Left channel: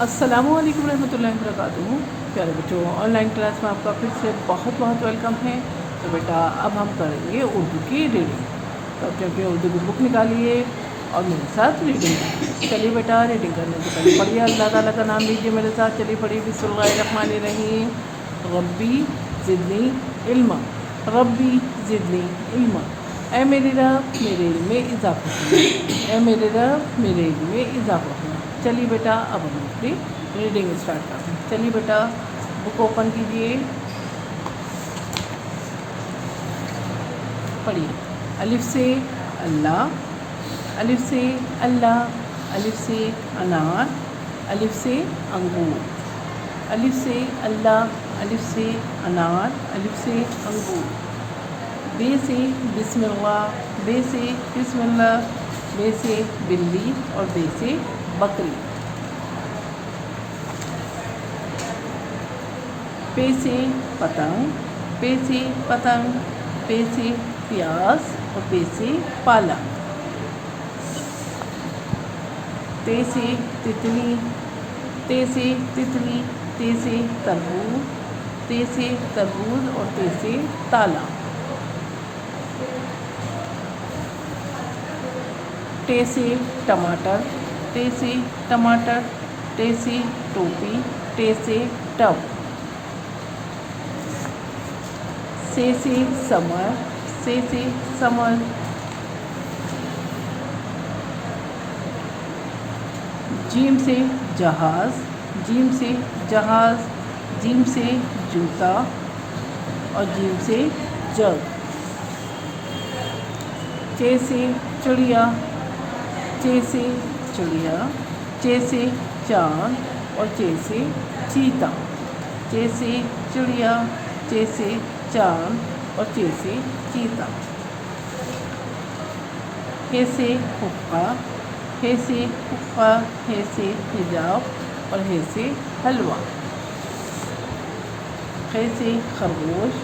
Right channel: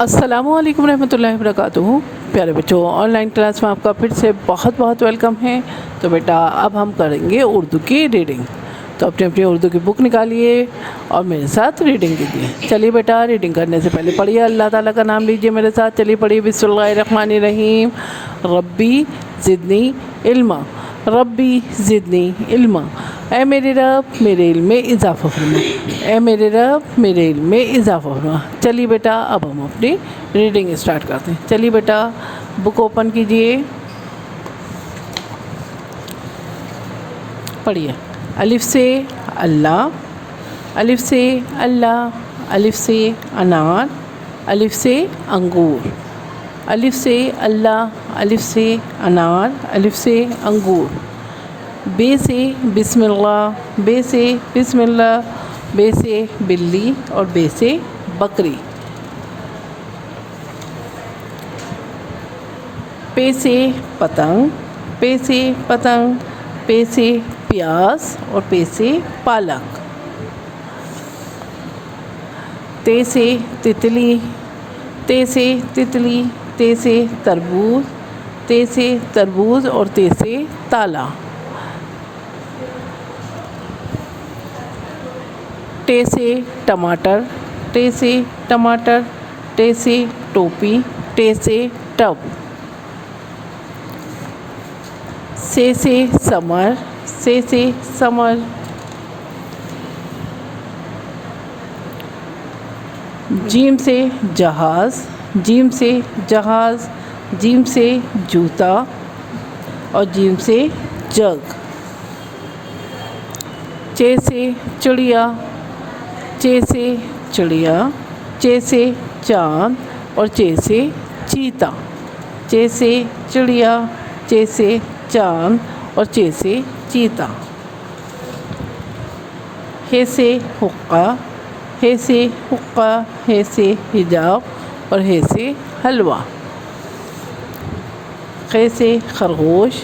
अस्सलामुअलैकुम रहमतुल्लाहि वबरकातुहू। प्यारे बच्चों, ऑनलाइन क्लास में आपका फिर से बहुत बहुत वेलकम है। तो बेटा अब हम करेंगे उर्दू की रीडिंग। तो अपनी अपनी उर्दू की बुक निकालिए और मेरे साथ रीडिंग कीजिए। चलिए बेटा, रीडिंग करने से पहले पढ़िए, अल्लाह ताला का नाम लीजिए मेरे साथ। चलिए पढ़िए, बिस्मिल्लाहिर्रहमानिर्रहीम। रब्बी ज़िदनी इल्मा, रब्बी ज़िदनी इल्मा। ऐ मेरे रब, मेरे इल्म में इजाफ़ा फरमा। ऐ मेरे रब, मेरे इल्म में इजाफ़ा फरमा। चलिए बेटा, अब हम अपनी रीडिंग स्टार्ट करते हैं। चलिए बेटा, बुक ओपन कीजिए, पढ़िए। अलिफ से अल्लाह, अलिफ से अल्लाह, अलिफ से अनार, अलिफ से अंगूर, अलिफ से अल्लाह, अलिफ से अनार, अलिफ से अंगूर। बे से बिस्मिल्लाह, बे से बिस्मिल्लाह, बे से बिल्ली और बे से बकरी। पे से पतंग, पे से पतंग, पे से प्याज और पे से पालक। ते से तितली, ते से तितली, ते से तरबूज, ते से तरबूज और ते से ताला। टे से टमाटर, टे से टमाटर, टे से टोपी, टे से टब। से समर, से समर। जीम से जहाज़, जीम से जहाज़, जीम से जूता और जीम से जग। चे से चिड़िया, चे से चिड़िया, चे से चाँद और चे से चीता। चे से चिड़िया, चे से चाँद और चे से चीता। हे से हुक्का, हे से हुक्का, हे से हिजाब और हे से हलवा। खे से खरगोश,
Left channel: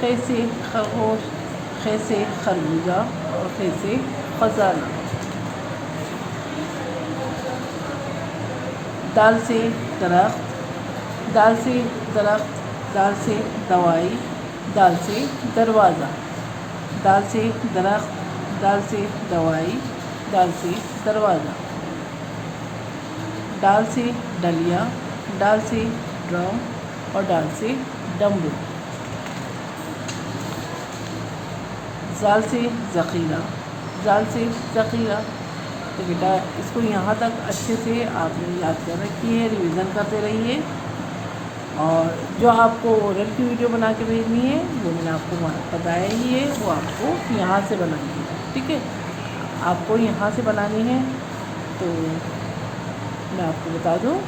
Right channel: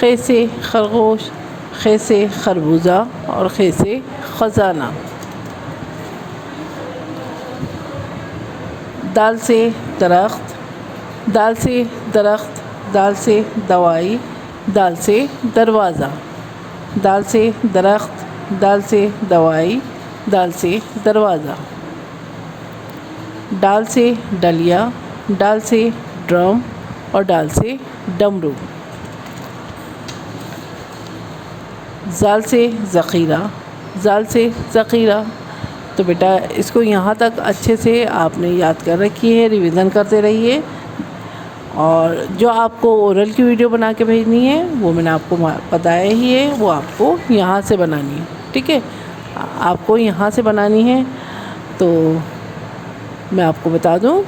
खे से खरगोश, खे से खरबूजा और खे से ख़ज़ाना। दाल से दरख्त, दाल से दरख्त, दाल से दवाई, दाल से दरवाज़ा। दाल से दरख्त, दाल से दवाई, दाल से दरवाज़ा। डाल से डलिया, डाल से ड्रम और डाल से डमरू। जाल से ज़ख़ीरा, जाल से ज़ख़ीरा। तो बेटा इसको यहाँ तक अच्छे से आपने याद कर रखी है, रिवीज़न करते रहिए। और जो आपको ओरल की वीडियो बना के भेजनी है वो मैंने आपको बताया ही है, वो आपको यहाँ से बनानी है, ठीक है। आपको यहाँ से बनानी है। तो मैं आपको बता दूँ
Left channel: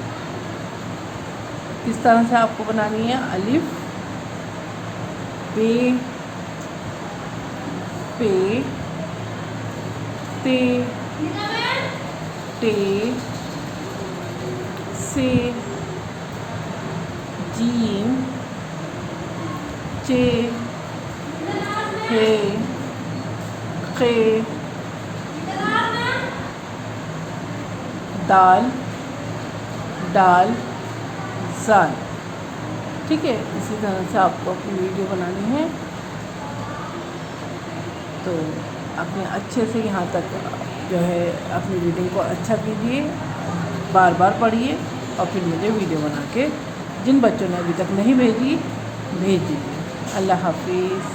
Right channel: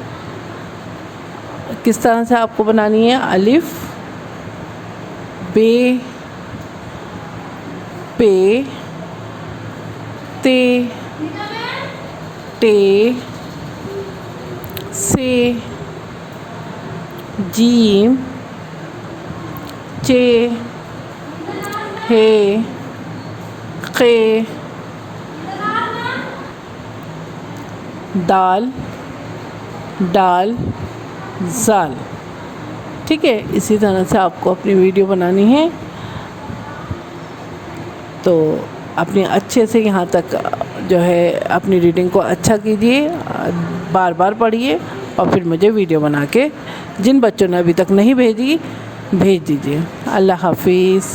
किस तरह से आपको बनानी है। अलिफ बे पे ते टे से जीम चे हे खे दाल डाल जाल, ठीक है। इसी तरह से आपको अपनी वीडियो बनानी है। तो अपने अच्छे से यहाँ तक जो है अपनी रीडिंग को अच्छा कीजिए, बार बार पढ़िए और फिर मुझे वीडियो बना के जिन बच्चों ने अभी तक नहीं भेजी भेज दीजिए। अल्लाह हाफिज़।